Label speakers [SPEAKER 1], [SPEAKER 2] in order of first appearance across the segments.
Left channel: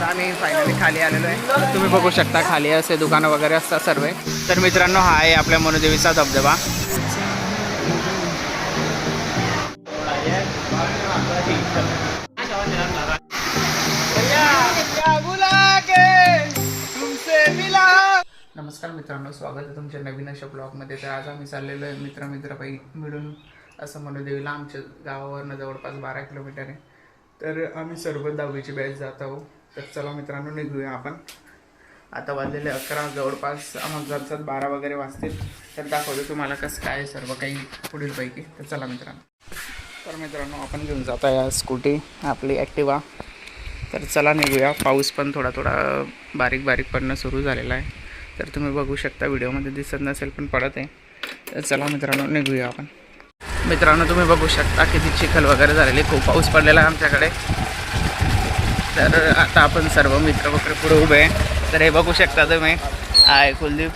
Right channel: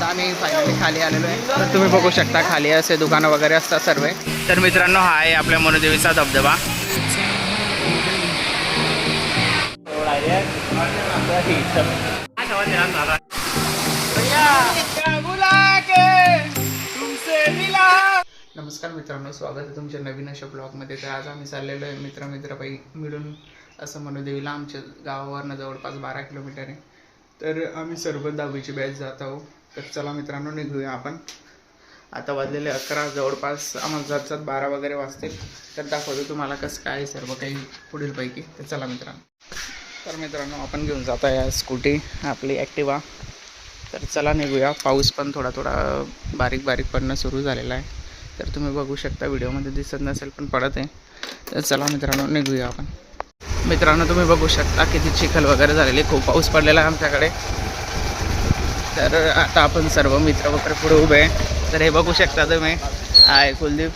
[SPEAKER 1] आता आम्ही फायनली खाली आलेलो आहे. तुम्ही बघू शकता खाली असे दुकानं वगैरे असतात सर्व. तर मित्रांनो हा आहे आपल्या मनोदेवीचा धबधबा. नमस्कार मित्रांनो स्वागत आहे तुमच्या नवीन अशा ब्लॉगमध्ये तर आज आम्ही चाललेलो आहे मित्र मित्रपैकी मिळून असं मनोदेवीला आमच्या गावावरनं जवळपास बारा किलोमीटर आहे. तर आम्ही सर्व दहावीची बॅच जात आहोत. तर चला मित्रांनो निघूया आपण. आता वाजलेले अकरा जवळपास आम्हाला जात जात बारा वगैरे वाजतील. तर दाखवतो तुम्हाला कसं काय सर्व काही पुढीलपैकी. तर चला मित्रांनो. तर मित्रांनो आपण घेऊन जात आहे स्कूटी आपली ॲक्टिवा तर चला निघूया. पाऊस पण थोडा थोडा बारीक बारीक पडणं सुरू झालेला आहे. तर तुम्ही बघू शकता व्हिडिओमध्ये दिसत नसेल पण पडत आहे. तर चला मित्रांनो निघूया आपण. मित्रांनो तुम्ही बघू शकता किती चिखल वगैरे झालेली. खूप पाऊस पडलेला आहे आमच्याकडे. तर आता आपण सर्व मित्र वगैरे पुढे उभे आहे. तर हे बघू शकता तुम्ही. आहे कुलदीप.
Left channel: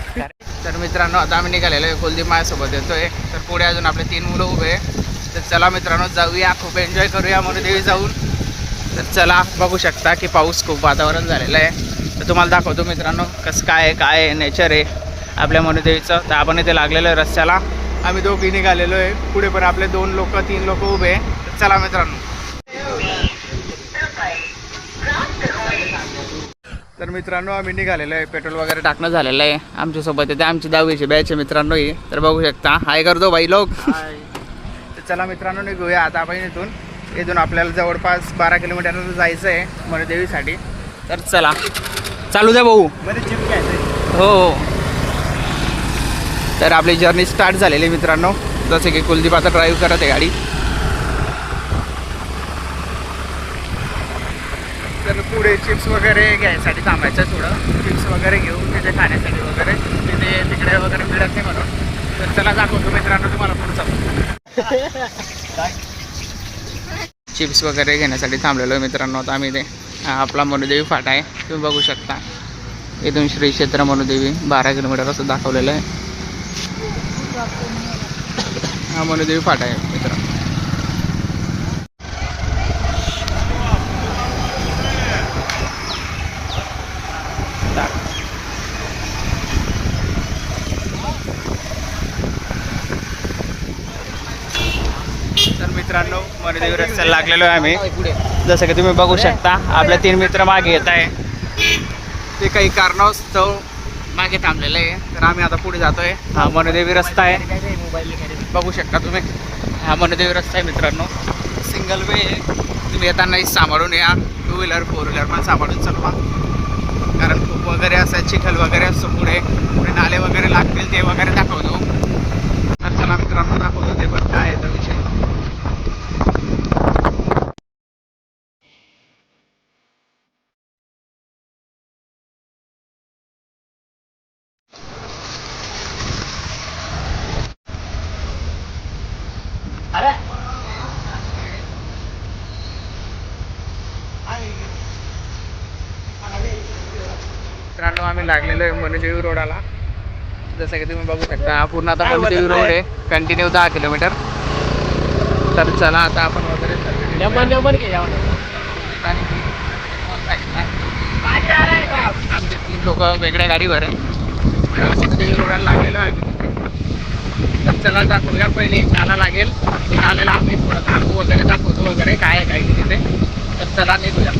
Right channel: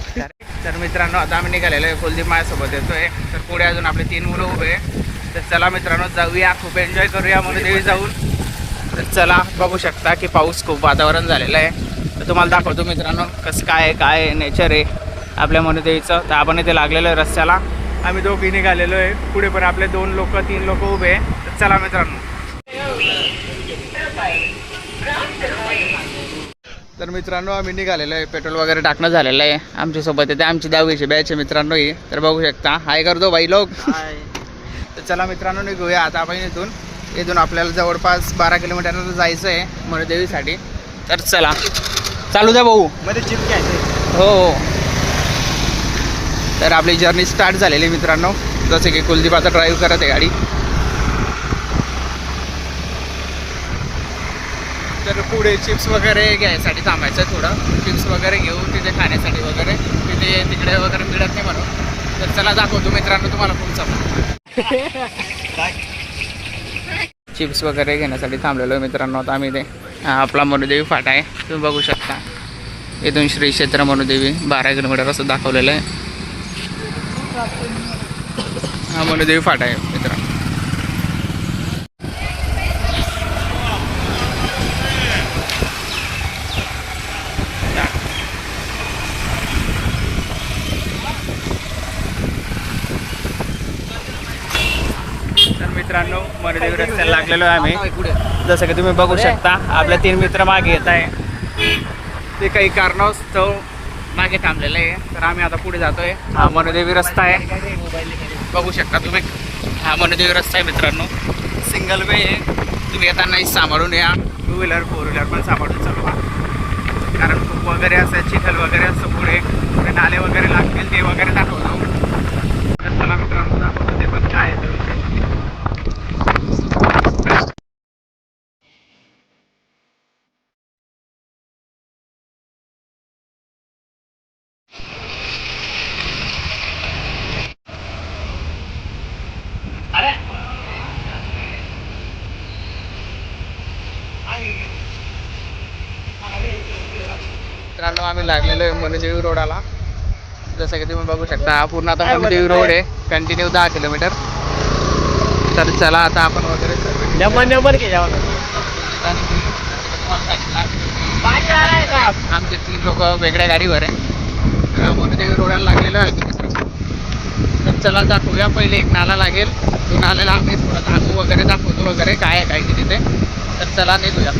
[SPEAKER 1] तर मित्रांनो आता आम्ही निघालेलो आहे. कुलदीप माझ्यासोबत येतोय. तर पुढे अजून आपले तीन मुलं उभे आहे. तर चला मित्रांनो जाऊया. खूप एन्जॉय करूया म्हणून देवी जाऊन. तर चला बघू शकता की पाऊस खूप वातावरण झालेलं आहे. तर तुम्हाला दाखवतो मित्रांनो कसं काय आहे काय आहे नेचर आहे आपल्या मनुदेवीचं तर आपण इथे लागलेलो आहे रस्त्याला. आम्ही दोघी निघालेलो आहे. पुढे पण आपले दोन लोक तीन लोक उभे आहे. तर चला मित्रांनो. तर मित्रांनो आम्ही निघालेलो आहे. पेट्रोल वगैरे टाकणं झालेलं आहे. आमच्यासोबत येते. आमची दहावीची बॅच आहे मित्रांनो ही. तर बघू शकता. हाय करतो बाई लोक. तर चला मित्रांनो निघूया. आता आपण इथून इथून आपल्याला जवळपास बारा किलोमीटर जायचं आहे मनुदेवीसाठी तर चला. चालू द्या भाऊ. हो हो. तर आपली जर्नी स्टार्ट झालेली आहे मित्रांनो. जसे की कुलदीप आता ड्राईव्ह करत आहे गाडी. तर पुढे चिप्स वगैरे घ्यायसाठी थांबायचं आहे थोडं. चिप्स वगैरे घेऊ तिथे खाण्यासाठी वगैरे. तिथे तिकडे वगैरे मिळत नाही म्हणून. तर चला दाखवतो मित्रांनो तुम्हाला पुढचा चिप्स वगैरे घेण्यासाठी थांबलेलो आहे मित्रांनो. आता आम्ही ते आपला मनुदेवी फाटा आहे. तुम्ही बघू शकता. इथून श्री क्षेत्र मनुदेवी बारा किलोमीटर असं दाखवलेलं आहे. हा मनुदेवी फाटा आहे. मित्रांनो तर रस्त्याला लागलेलो आहे आम्ही. जसं की तुम्ही बघू शकता आपले तीन मित्र मागे येत आहे. ते काही कारणास्तव मागे थांबलेलं आहे. तर आम्ही आता पुढे जातोय. हा मनदेवी रस्ता आहे. बघू शकता तुम्ही. हा मनदेवी रस्ता आहे मित्रांनो. सिंगल वे आहे. तुम्ही येतानाही सांभाळून या. टू व्हीलर फोर व्हीलर पण सांभाळून चालवा. कारण खूप वगैरे असं चिखल वगैरे असतो पुढे पुढे नाले वगैरे लागतील ते वगैरे दाखवतो. तर चला मित्रांनो दाखवतो ते पण काय आहे तो विषय मित्रांनो आम्ही लागलेलो आहे मनुदेवी रोडाला जसं की तुम्ही बघू शकता हा पूर्ण आता मनुदेवी रोड आहे. कंटिन्यू दहा किलोमीटर. तर चला आता आपण वगैरे आमचे तीन लोक वेगळ्या गाडीवर आहे. मनुदेवी रोडाला लागलेलो आहे. तर चला दाखवूया पहिले एक नाला लागेल. ते नाल्याला आम्ही थोडं थांबू वगैरे दाखवतो वगैरे काय आहे काय तिथे. तर चला निघूया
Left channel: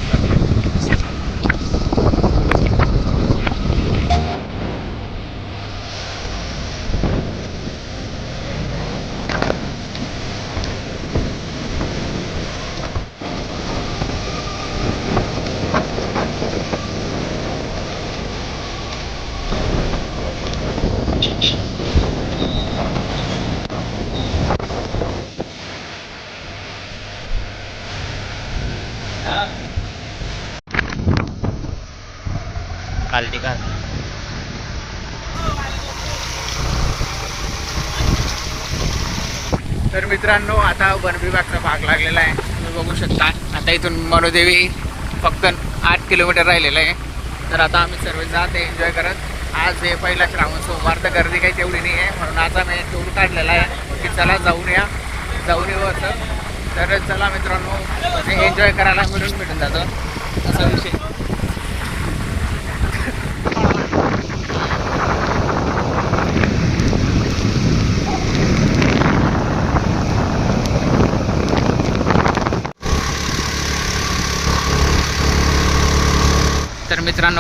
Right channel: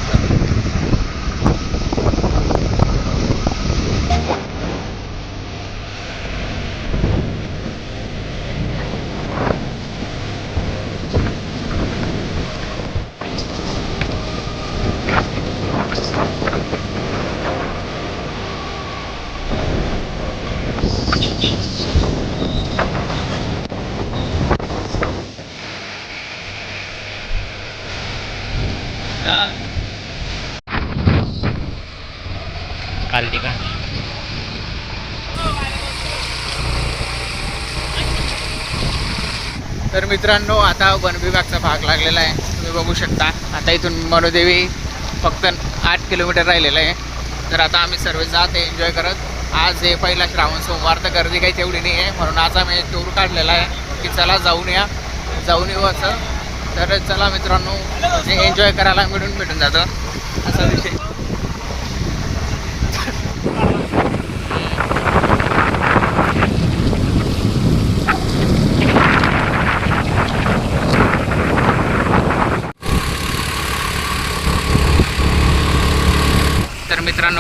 [SPEAKER 2] कालटी का
[SPEAKER 1] तर मित्रांनो आता वन विभागचा भाग लागलेला आहे. तुम्ही बघू शकता. आता इथून मनोदेवी फक्त आठ किलोमीटर राहिलेलं आहे. तर आता आम्ही सर्व जात आहे एन्जॉय करत. आज हे पहिला श्रावण सोमवार तर गर्दी काही तेवढी नाही आहे. म्हणून आज आम्ही टूर काढलेला आहे की चला जाऊन या. जाऊन येऊ असं. तर चला मित्रांनो म्हणजे एन्जॉय करायला मिळून भेटून जातं. असा विषय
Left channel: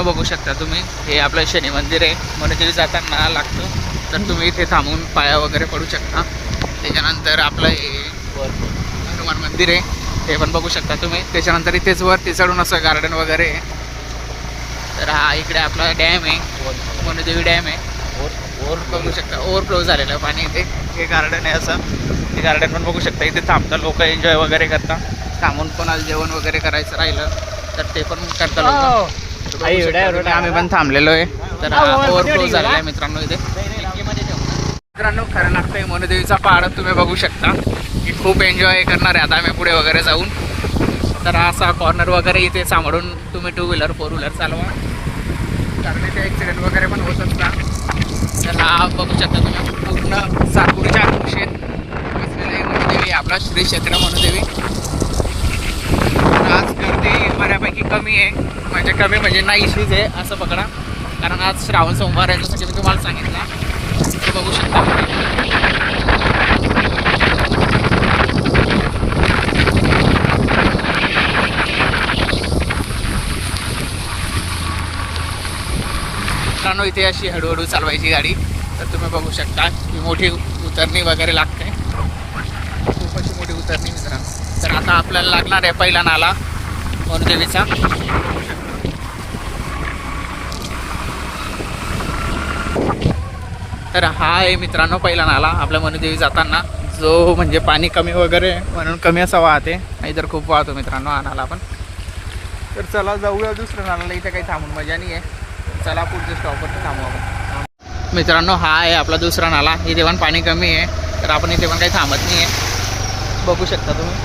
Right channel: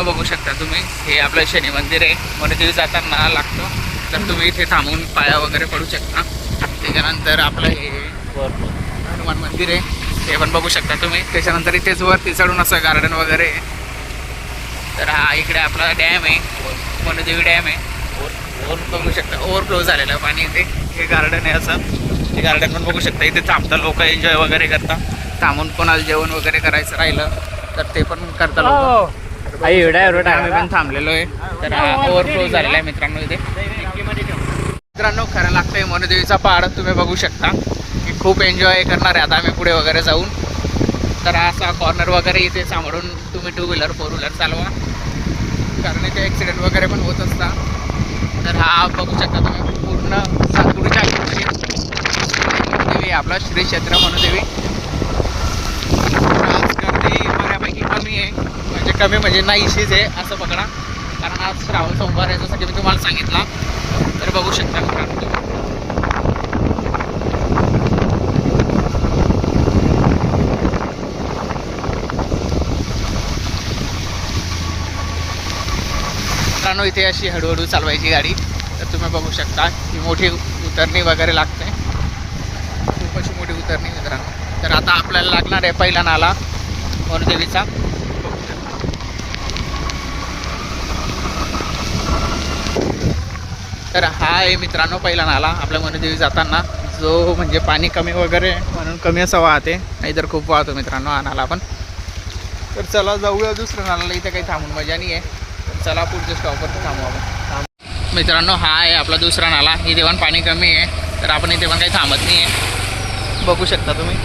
[SPEAKER 1] मित्रांनो बघू शकता तुम्ही. हे आपलं शनी मंदिर आहे. मनुदेवी जाताना लागतो. तर तुम्ही इथे थांबून पाया वगैरे पडू शकता. त्याच्यानंतर आपलं हे हनुमान मंदिर आहे. ते पण बघू शकता तुम्ही. त्याच्यानंतर इथेच वरती चढून असं गार्डन वगैरे आहे. तर हा इकडे आपला डॅम आहे. मनुदेवी डॅम आहे. बघू शकता. ओव्हरफ्लो झालेलं आहे पाणी इथे. गार्डन आहे असं. ते गार्डन पण बघू शकता. इथे थांबता लोक एन्जॉय वगैरे करता थांबून कोणाला जेवण वगैरे करायचं राहिलं तर ते पण करता लोक. आम्ही पण थांबलेलो आहे तर ओव्हरफ्लो झालेला आहे मित्रांनो इथे. मित्रांनो खरं लागतंय मनुदेवीचा पहाड तुम्ही बघू शकता. की खूप एन्जॉय करणार आहे. आता आम्ही पुढे वगैरे जाऊन. तर असा कॉर्नर वगैरे इथे सांभाळून तुम्ही टू व्हीलर फोर व्हीलर चालवा. कारण इथे ॲक्सिडेंट वगैरे पण होत असता तर हा बघू शकता तुम्ही. पूर्ण सातपुडीच्या देवी आपला श्री क्षेत्र मनुदेवी. बऱ्यापैकी कमी आहे. म्हणजे कमी म्हणजे नाहीशीच आहे असं पकडा कारण आज श्रावण सोमवार आहे जसं की मी तुम्हाला सांगितलं. तर बघू शकता. मित्रांनो इथे अशी हळूहळू चालवायची गाडी. तर तुम्ही बघू शकता ही मोठी उतरणी वगैरे लागते. खूप अशी मोठी उतरणी मित्रांनो. तर आता आपल्याला लागणार आहे पहिला नाला. मनुदेवीचा तर हा आहे मित्रांनो पहिला नाला आपल्या मनुदेवी जाताना. जो म्हणजे पाणी कमी वगैरे आहे, म्हणून कमी असा वाहते. नाहीतर खूप वाहतो मित्रांनो हा नाला आपण तर चला जाऊया दुसऱ्या नाल्याला इथे काही थांबून मजा नाही आहे तर चला पुढच्या स्टॉपवरती थांबू आपण. मित्रांनो हा आहे आपला दुसरा नाला. इथे पण पाणी कमी आहे. तर आपण इथे पण काही थांबत नाही आहे बघू शकता तुम्ही.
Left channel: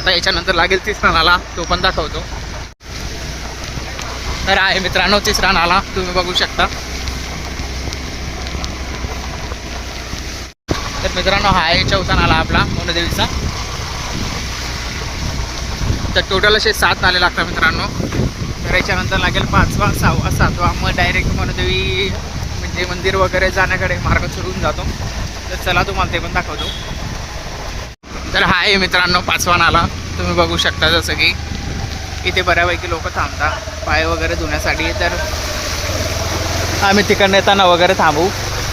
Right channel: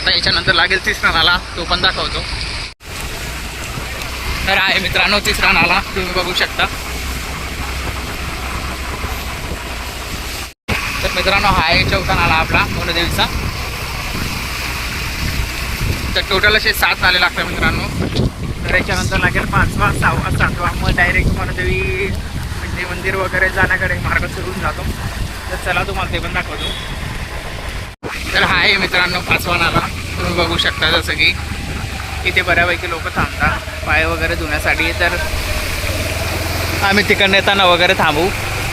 [SPEAKER 1] आता याच्यानंतर लागेल तिसरा नाला तो पण दाखवतो. तर आहे मित्रांनो तिसरा नाला तुम्ही बघू शकता. तर मित्रांनो हा आहे चौथा नाला आपला मोनदेवीचा तर टोटल असे सात नाले लागतात मित्रांनो. तर याच्यानंतर लागेल पाचवा सहावा सातवा. मग डायरेक्ट मनोदेवी म्हणजे मंदिर वगैरे जाण्याकडे मार्ग सुरून जातो. तर चला तुम्हाला ते पण दाखवतो. तर हा आहे मित्रांनो पाचवान आला तुम्ही बघू शकता जसं की इथे बऱ्यापैकी लोक थांबतात. पाय वगैरे धुण्यासाठी तर आम्ही तिकडनं येताना वगैरे थांबू.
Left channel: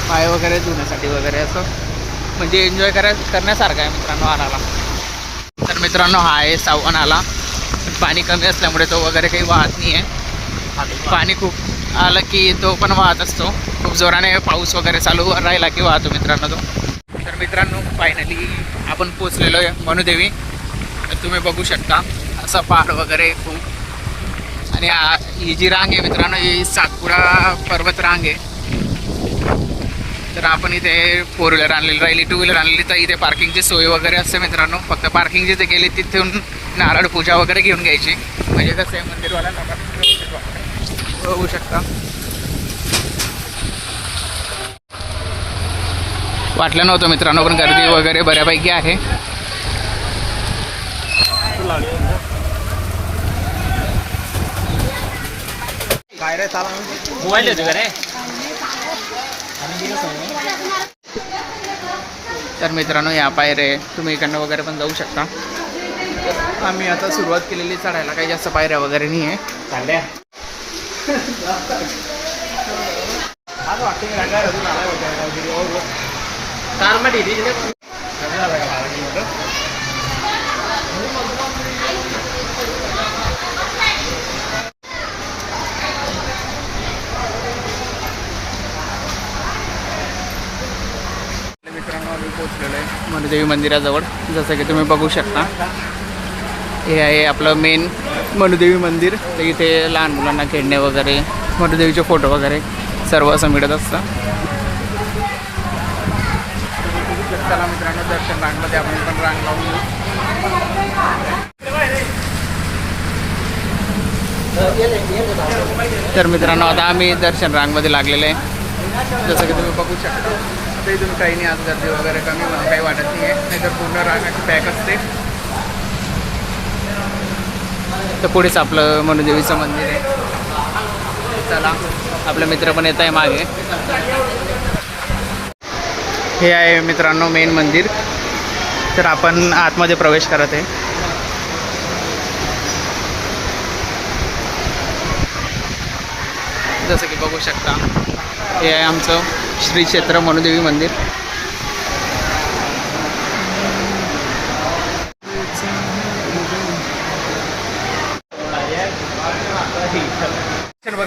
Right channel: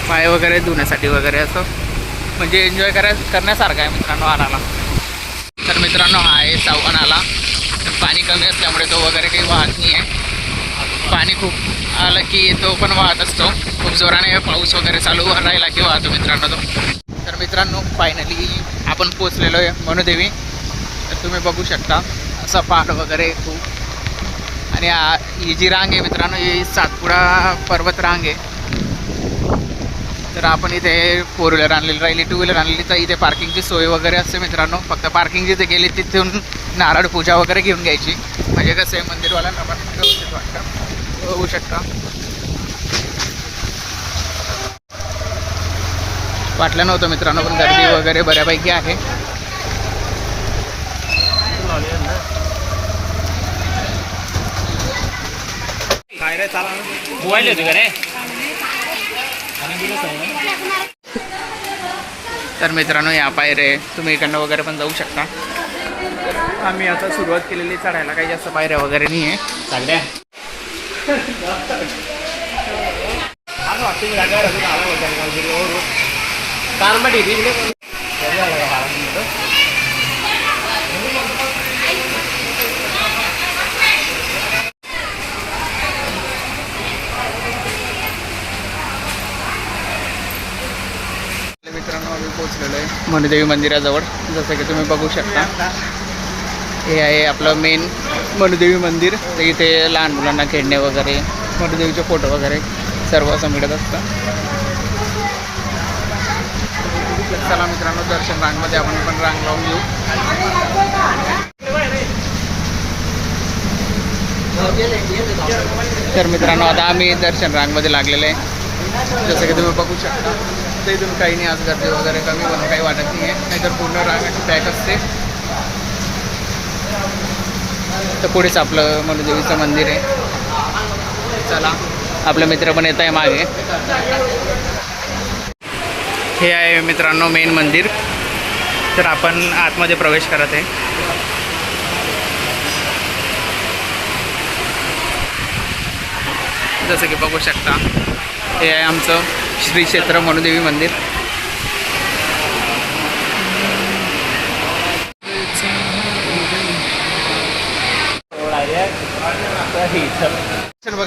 [SPEAKER 1] पाय वगैरे धुण्यासाठी वगैरे असं. म्हणजे एन्जॉय कराय करण्यासारखं आहे मित्रांनो आणाला तर मित्रांनो हा आहे सावण आला पाणी कमी असल्यामुळे तो वगैरे काही वाहत नाही आहे पाणी खूप आलं की तो पण वाहत असतो. खूप जोराने पाऊस वगैरे चालू राहिला की वाहतो मित्रांनो तो. तर मित्रांनो फायनली आपण पोचलेलो आहे मनुदेवी. तर तुम्ही बघू शकता असं पहाड वगैरे खूप. आणि ही जी रांग आहे मित्रांनो ही सातपुडा पर्वत रांग आहे. तर आपण इथे फोर व्हीलर आणलेली राहिली टू व्हीलर आणलेली तर इथे पार्किंगची सोय वगैरे असते मित्रांनो. फक्त पार्किंग जिथे गेली तिथून नारळ पूजा वगैरे घेऊन घ्यायची. म्हणजे कसं आहे मंदिरवाल्यांना पण व्यवस्थित वाटतं. होऊ शकता. वाटलं नव्हतं मित्रांनो पण गर्दी वगैरे बऱ्यापैकी आहे. तर मित्रांनो या पायरे तुम्ही इकडनं वगैरे पण जाऊ शकता. तर आम्ही आता सुरुवात केलेली चढायला काही जास्त पायऱ्या वगैरे नाही आहे
[SPEAKER 2] चांगले कारमध्ये
[SPEAKER 1] मित्रांनो आम्ही पोहोचलेलो आहे मनुदेवी मंदिराजवळ. जसं की तुम्ही बघू शकता हे आहे आपलं मेन मनुदेवी मंदिर. तर इथे लहान मुलांना खेळणे वगैरे मनुदेवीचे फोटो वगैरे सर्व असं मिळत असतं. तर चला मित्रांनो दर्शन रांगमध्ये आपण पण रांग लावून घेऊ. तर मित्रांनो आता आम्ही दर्शन रांगमध्ये लागलेले आहे. जसं की तुम्ही बघू शकता ते इथून काही नाही आज गर्दी वगैरे कमी म्हणून काही वाटत नाही आहे. नाहीतर पूर्ण रांगाची पॅक असते. तर पुढेच आपलं मनुदेवीचं मंदिर आहे. चला आपलं मित्र पण येत आहे मागे. हे आहे मित्रांनो मेन मंदिर. तर आपण आतमध्ये प्रवेश करत आहे. जसं की बघू शकता हे आहे आमचं श्री क्षेत्र मनुदेवी मंदिर.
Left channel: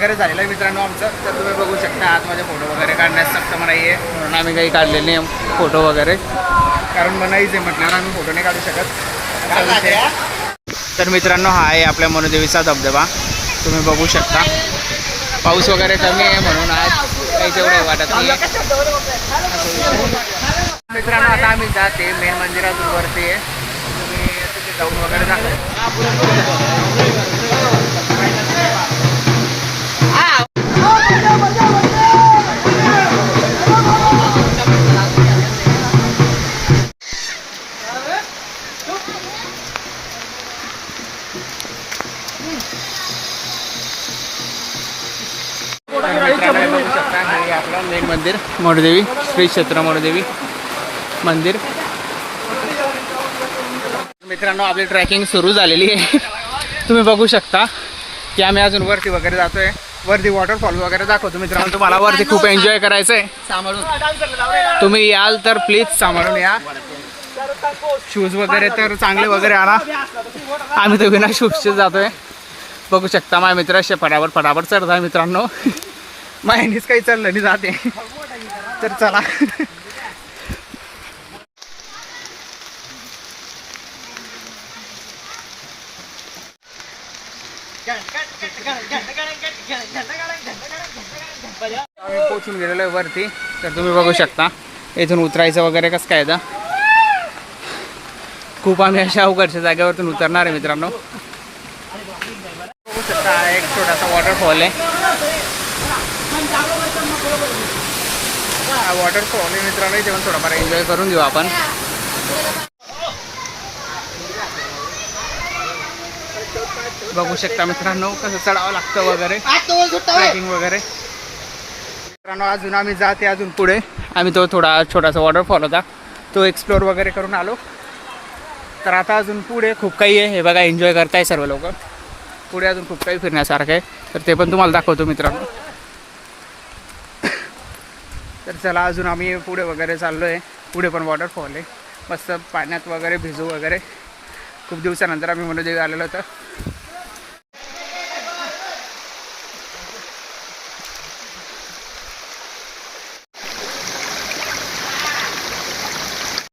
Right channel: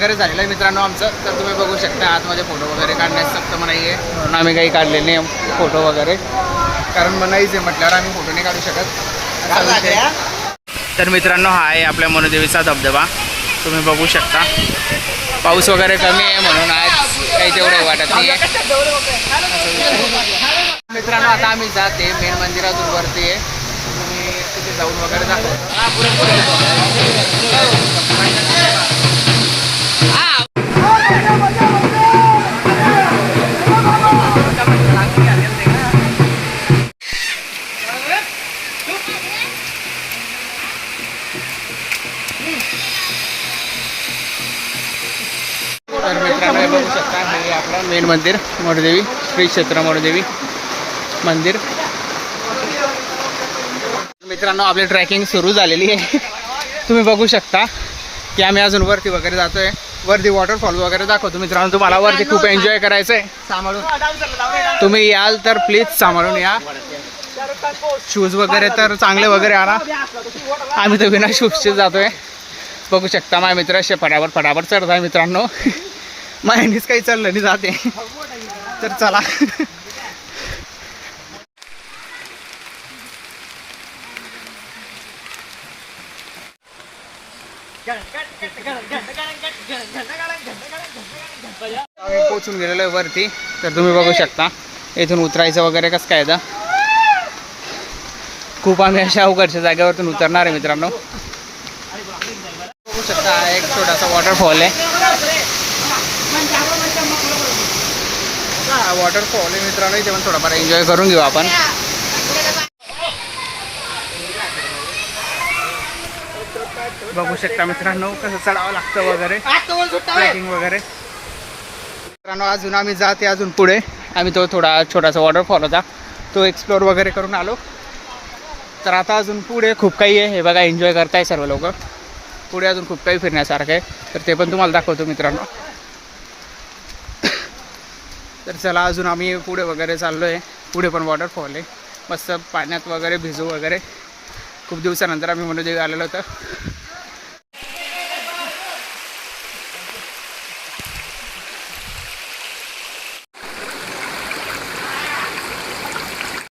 [SPEAKER 1] वगैरे झालेलं आहे मित्रांनो आमचं. तर तुम्ही बघू शकता आतमध्ये फोटो वगैरे काढण्यास सक्षम नाही आहे. म्हणून आम्ही काही काढलेले नाही फोटो वगैरे. कारण मनाईच आहे म्हटल्यावर आम्ही फोटो नाही काढू शकत. असा विषय. तर मित्रांनो हा आहे आपल्या मनुदेवीचा धबधबा. तुम्ही बघू शकता. पाऊस वगैरे कमी आहे म्हणून आज काही तेवढे वाटत नाही आहे मित्रांनो आता आम्ही जाते. मेन मंदिरातून वरती आहे. तुम्ही तिथे जाऊन वगैरे दाखव. मेन मंदिर मोरदेवी श्री क्षेत्र मोरदेवी मंदिर. मित्रांनो आपली ट्रॅकिंग सुरू झालेली आहे. तुम्ही बघू शकता की आम्ही अजून वरती वगैरे जातोय. वरती वॉटरफॉल वगैरे दाखवतो. मित्रांनो तुम्हाला वरती खूप एन्जॉय करायचं आहे सांभाळून. तुम्ही याल तर प्लीज सांभाळून या. शूज वगैरे तर चांगले वगैरे आणा. आम्ही तर विना शूजचे जातोय. बघू शकता माझ्या मित्र असे फटाफट फटाफट चढत आहे मित्रांनो. माहितीच काही चाललं नाही जाते. तर चला. आम्ही पोचून गेलेलो आहे वरती. तर तुम्ही बघू शकता इथून उतरायचं वगैरे कसं काय तर. खूप आम्ही अशा अवघडच्या जागेवरतून उतरणार आहे मित्रांनो. बघू शकता एक छोटासा वॉटरफॉल आहे. हा वॉटरफॉल आहे मित्रांनो इथे पण थोडाफार एन्जॉय करून घेऊ आपण. बघू शकता मित्रांनो कसं चढावं लागतं वगैरे. ट्रेकिंग वगैरे. मित्रांनो अजून आम्ही जाते अजून पुढे. आम्ही तो थोडा छोटासा वॉटरफॉल होता. तो एक्सप्लोअर वगैरे करून आलो. तर आता अजून पुढे खूप काही आहे. हे बघा एन्जॉय करताय सर्व लोक. पुढे अजून खूप काही फिरण्यासारखं आहे. तर ते पण तुम्हाला दाखवतो मित्रांनो. तर चला अजून आम्ही पुढे वगैरे चाललो आहे पुढे पण वॉटरफॉल आहे. मस्त पाण्यात वगैरे भिजू वगैरे. खूप दिवसानंतर आम्ही मनोदेवी आलेलो होतं.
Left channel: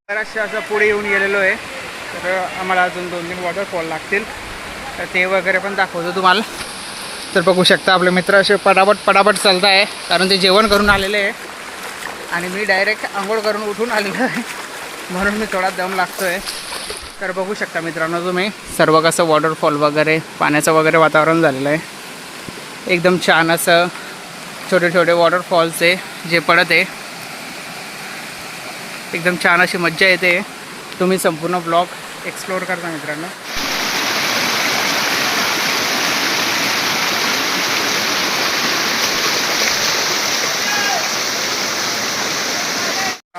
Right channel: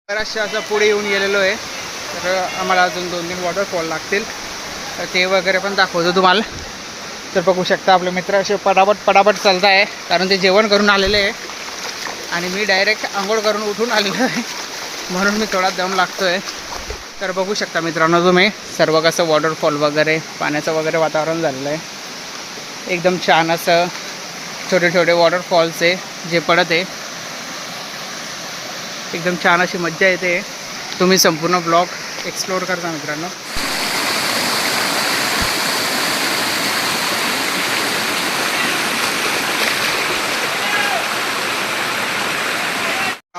[SPEAKER 1] बऱ्याचशा असं पुढे येऊन गेलेलो आहे. तर आम्हाला अजून दोन तीन वॉटरफॉल लागतील. तर ते वगैरे पण दाखवतो तुम्हाला. तर बघू शकता आपले मित्र असे पटापट पटापट चालत आहे कारण ते जेवण करून आलेले आहे. आणि मी डायरेक्ट आंघोळ करून उठून आलेलो आहे. म्हणून मी थोडा दम लागतो आहे तर बघू शकता मित्रांनो तुम्ही सर्व कसं वॉटरफॉल वगैरे पाण्याचं वगैरे वातावरण झालेलं आहे. एकदम छान असं छोटे छोटे वॉटरफॉल्स आहे जे पडत आहे. एकदम छान अशी मज्जा येते. तुम्ही संपूर्ण ब्लॉग एक्सप्लोअर करता मित्रांनो.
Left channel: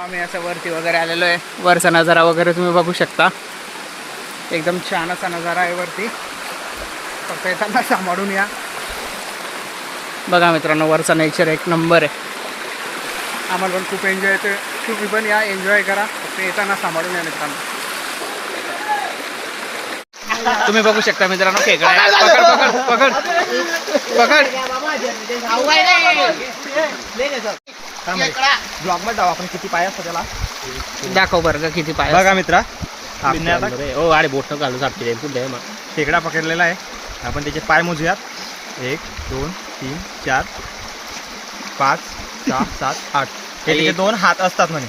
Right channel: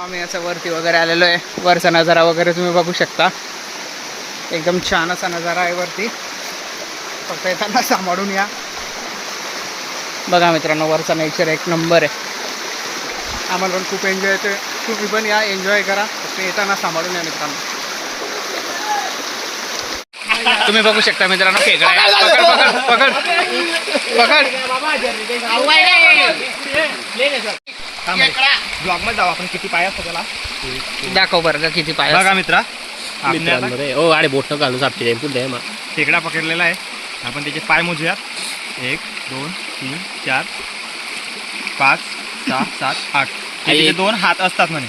[SPEAKER 1] आम्ही असं वरती वगैरे आलेलो आहे वरचा नजारा वगैरे तुम्ही बघू शकता एकदम छान असा नजारा आहे वरती फक्त येताना सांभाळून या बघा मित्रांनो वरचा नेचर एक नंबर आहे आम्हाला पण खूप एन्जॉय येते तुम्ही पण या एन्जॉय करा फक्त येताना सांभाळून या मित्रांनो तुम्ही बघू शकता मित्रांनो खेकडा आहे. पकड पकड पकड पकड
[SPEAKER 3] ब्लॉगमध्ये जाऊ आपण किती पाय असतो त्याला?
[SPEAKER 1] दाखव बरं का किती पाय
[SPEAKER 3] बघा मित्रा.
[SPEAKER 2] ओ गाडी बोट घालू सापटी जाईल
[SPEAKER 3] खेकडा पकडलेला आहे. आपण त्याचे पाय मोजूयात. एक दोन तीन चार पाच सहा सात आठ. हे दोन हात असतात म्हणे.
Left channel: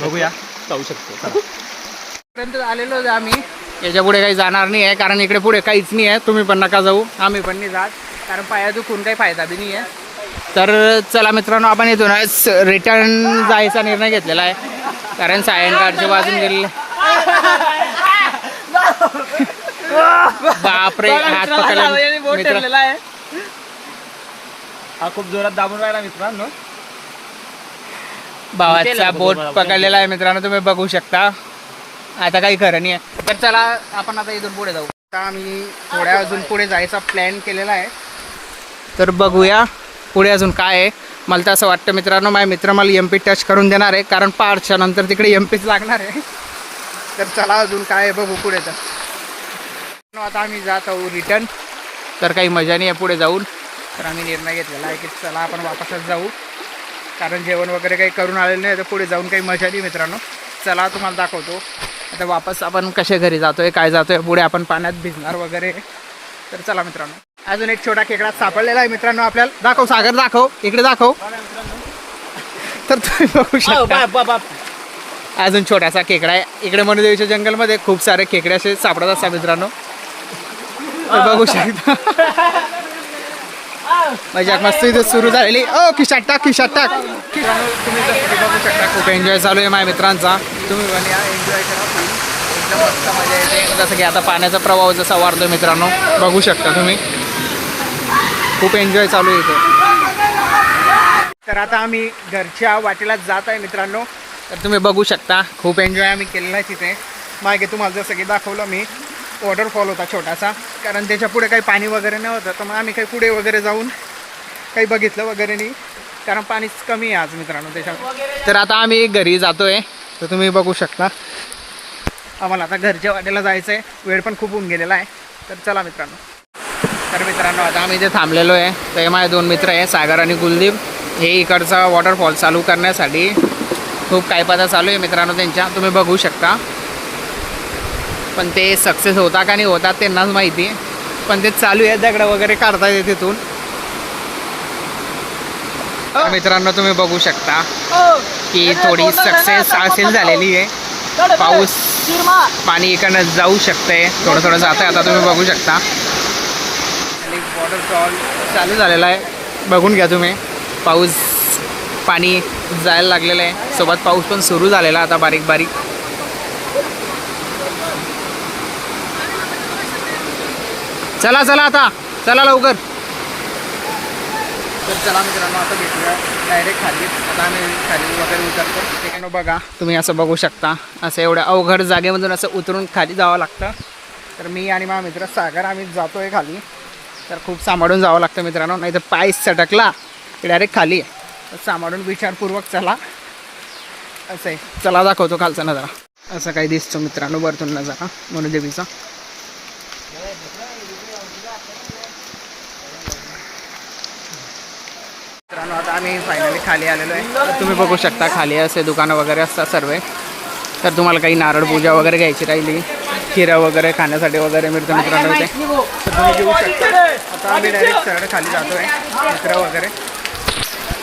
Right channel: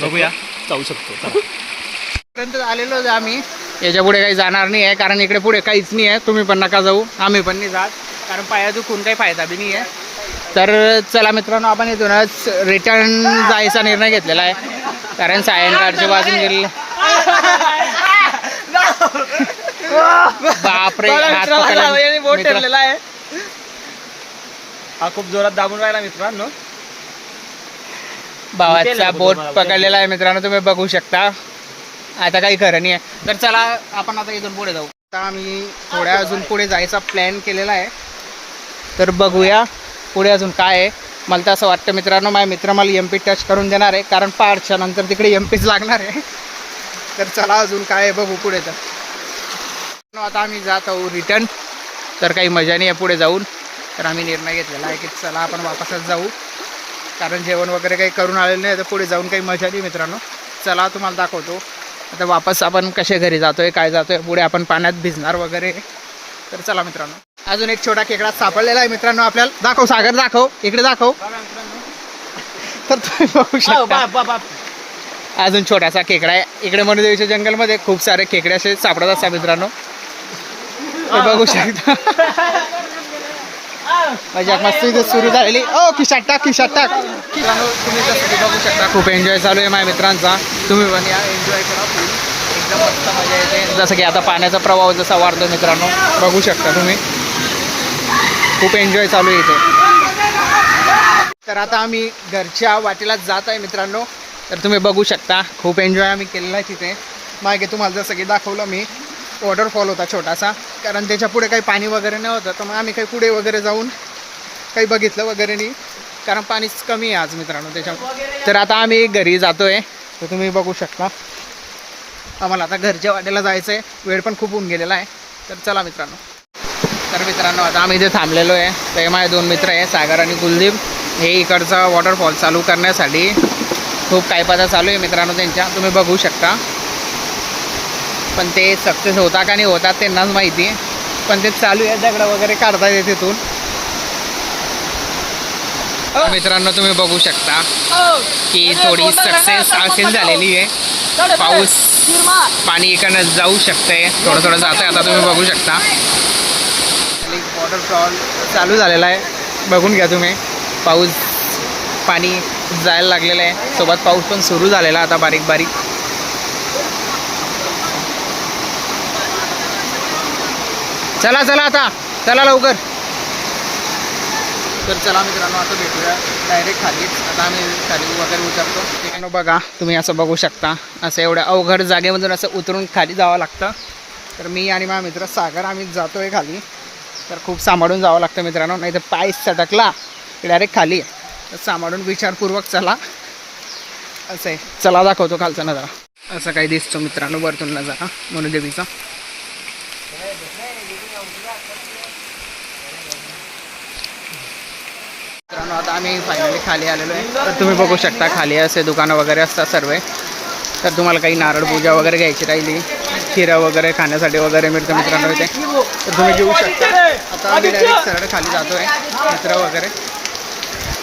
[SPEAKER 3] बघूया.
[SPEAKER 2] जाऊ शकतो. चला.
[SPEAKER 1] पर्यंत आलेलो आहे आम्ही. याच्यापुढे काही जाणार नाही आहे कारण इकडे पुढे काहीच नाही आहे तुम्ही पण नका जाऊ. आम्ही पण नाही जात. कारण पाया दुखून काही फायदा बी नाही आहे तर चला मित्रांनो आपण इथूनच रिटर्न जायचा निर्णय घेतलेला आहे. कारण सायंकाळचे वाजून गेलेले बापरे हात पकडला. मित्र-
[SPEAKER 3] हा खूप जोरात दाबून राहिला मित्रांनो.
[SPEAKER 1] भावाचा बोट पकडलेला आहे मित्रांनो तुम्ही बघू शकता. आता काही खरं नाही आहे तर चला आपण आता इथून पुढे जाऊ. आता आम्ही थोड्या अजून पुढे जायचा प्लॅन केलेला आहे. तर बघूया. पुढे अजून काय आहे? मला तर असं वाटतं मित्रांनो माझ्या मित्र मला एम पी टच करून देणार आहे. कारण पार्टच्या नंतर तिकडे एम पीच लागणार आहे. तर चला अजून काय आहे बघू पुढे तर. आता आम्ही जात आहोत रिटर्न तर काही मजा नाही आहे पुढे जाऊन. तर आम्ही निर्णय घेतलेला आहे की चला आपण वापसच जाऊ. कारण जेवण वगैरे काही करून आलेलं नाही तर पुढे जाऊन काही मजा नाही मित्रांनो. चला तुम्हाला दाखवतो. आता वापस आपण कसे घरी जातोय काय जातोय पुढे आपण पाण्यात भिजणार वगैरे. तर चला मित्रांनो अजून एक छोटा खेकडा सापडलेला आहे मित्रांनो आपल्याला. दाखव सागर दाखव इकडे दाखव. तर तुम्ही बघू शकता. अजून छोटासा खेकडा आहे. इकडे मनुदेवीच्या जंगलमध्ये खूप सारे खेकडे असे सापडत असतात मित्रांनो. तर बघू शकता. मजाक मस्ती इथे सुरू झालेली. ओ खिशात टाक खिशात टाक. मित्रांनो तुम्ही बघू शकता खूप एन्जॉय चालू आहे माझ्या मित्रांचा. तुम्ही एन्जॉय करा. एकदम मस्त मजा येते. जसं की आता पाण्याचा प्रवाह जसा वाढतो मित्रांनो बघू शकता तुम्ही. खूप एन्जॉय चालू आहे इथे. तर आता आम्ही घरच्या वाटेला जात आहे मित्रांनो. तर तुम्ही बघू शकता खूप एन्जॉय आम्ही केलेला आहे तिथे. मागे तुम्हाला जसं की दाखवलं मी वॉटरफॉल होता छोटासा. कारण त्याच्या पुढे काही पाणी वगैरे नाही होतं तर मग आम्ही काही पुढे वगैरे जाऊन काही बघितलं वगैरे नाही. कारण पाणीच कमी आहे आज मित्रांनो त्याच्यामुळे. तर आता आम्ही घरी जातो आहे तर तुम्ही बघू शकता. आम्हाला आता घरच्या वाटेला जायचं आहे वेळ पण खूप होऊन गेलेला आहे. तर चला मित्रांनो. तर मित्रांनो आता आम्ही इथे थांबलेलो आहे. तर हे माझे दोन मित्र आहे सागर आणि कुलदीप. हे इकडचा वॉटरफॉल चालू करण्यासाठी खूप काय पदा चालू आहे मित्रांनो त्यांच्या. तुम्ही बघू शकता. पण ते सक्सेस होता का नाही होतात त्यांनाच माहिती. पण ते चालू आहे दगडं वगैरे काढता येते तिथून. तर मित्रांनो तुम्ही बघू शकता की थोडी सक्सेस असेल झालेली आहे. पाऊस पाणी इकडनं जाऊ शकतंय. थोडं थोडं जात आहे आता तुम्ही बघू शकता. वॉटरफॉल चालू झालेला आहे. बघून घ्या तुम्ही. पाऊस पाणी जायला लागलेलं आहे. सोबत पाऊस पण सुरू झालेला आता बारीक बारीक. चला चला आता. चला लवकर. तर चला मित्रांनो आता भेटूया. डायरेक्ट खाली. आता आम्ही खाली वगैरे उतरतो. ठिकाणी बघा तुम्ही असं बघू शकता. असं एवढ्या अवघड जागेमधून असं उतरून खाली जावं लागतं. तर मी आणि माझा मित्र सागर आम्ही जातो आहे खाली. तर खूप सांभाळून जावं लागतं मित्रांनो. नाही तर पाय सटकला. की डायरेक्ट खाली. आहे तर सांभाळून विचारपूर्वक चला. असं आहे. चला दाखवतो खालचा नजारा. असं काही दिसतो मित्रांनो वरतून नजारा. मनुदेवीचा. मित्रांनो आता आम्ही फायनली खाली आलेलो आहे. तर तुम्ही बघू शकता खाली असे दुकानं वगैरे असतात सर्व. तर तुम्हाला काही नारळ पूजा वगैरे घ्यायची राहिली खिरा वगैरे खाण्यासाठी वगैरे मिळतं मित्रांनो इथे. तर तुम्ही घेऊ शकता. आता आम्ही डायरेक्ट सरळ खाली जातो आहे मित्र वगैरे.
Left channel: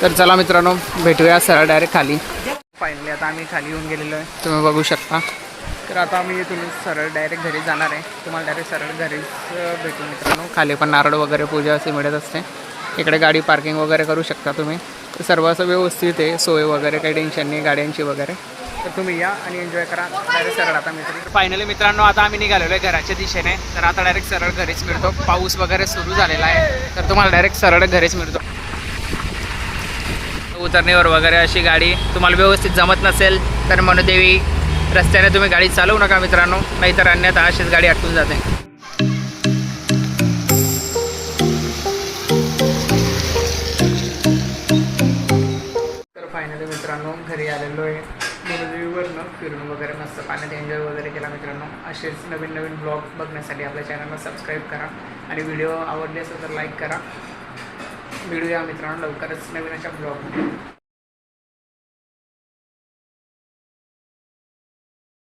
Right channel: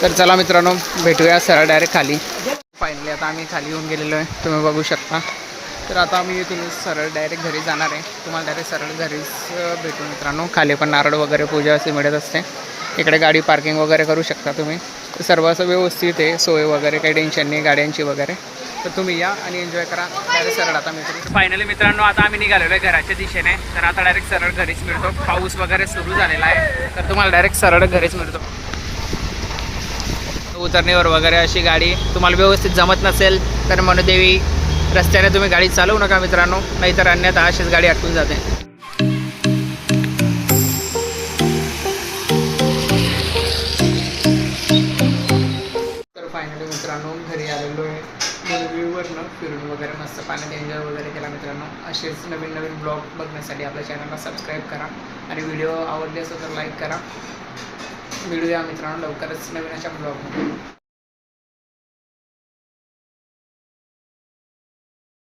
[SPEAKER 1] तर चला मित्रांनो भेटूया सरळ डायरेक्ट खाली. फायनली आता आम्ही खाली येऊन गेलेलो आहे तुम्ही बघू शकता. तर आता आम्ही इथून सरळ डायरेक्ट घरी जाणार आहे. तुम्हाला डायरेक्ट सरळ घरीच भेटू मित्रांनो. खाली पण नारळ वगैरे पूजा असे मिळत असते. इकडे गाडी पार्किंग वगैरे करू शकता तुम्ही. सर्व असं व्यवस्थित आहे सोय वगैरे काही टेन्शन नाही गाड्यांची वगैरे. तर तुम्ही या आणि एन्जॉय करा. डायरेक्ट सरळ आता मित्र. फायनली मित्रांनो आता आम्ही निघालेलो आहे घराच्या दिशेने. तर आता डायरेक्ट सरळ घरीच मिळतो. पाऊस वगैरे सुरू झालेला आहे. तर तुम्हाला डायरेक्ट सरळ घरीच मिळतो. उतरणीवर वगैरे अशी गाडी तुम्हाला व्यवस्थित जमत नसेल तर मनुदेवी रस्त्याने तुम्ही गाडी चालवू नका मित्रांनो. नाहीतर अन्यथा अशीच गाडी अटकून जाते. मनुदेवीवरनं फिरून वगैरे मस्त पाण्यात एन्जॉय वगैरे केला मित्रांनो. असेच नवीन नवीन ब्लॉग बघण्यासाठी आपल्या चॅनलला सबस्क्राईब करा आणि व्हिडिओ आवडले असेल तर लाईक करा. भेटूया मित्रांनो लवकरच नवीन अशा ब्लॉगमध्ये.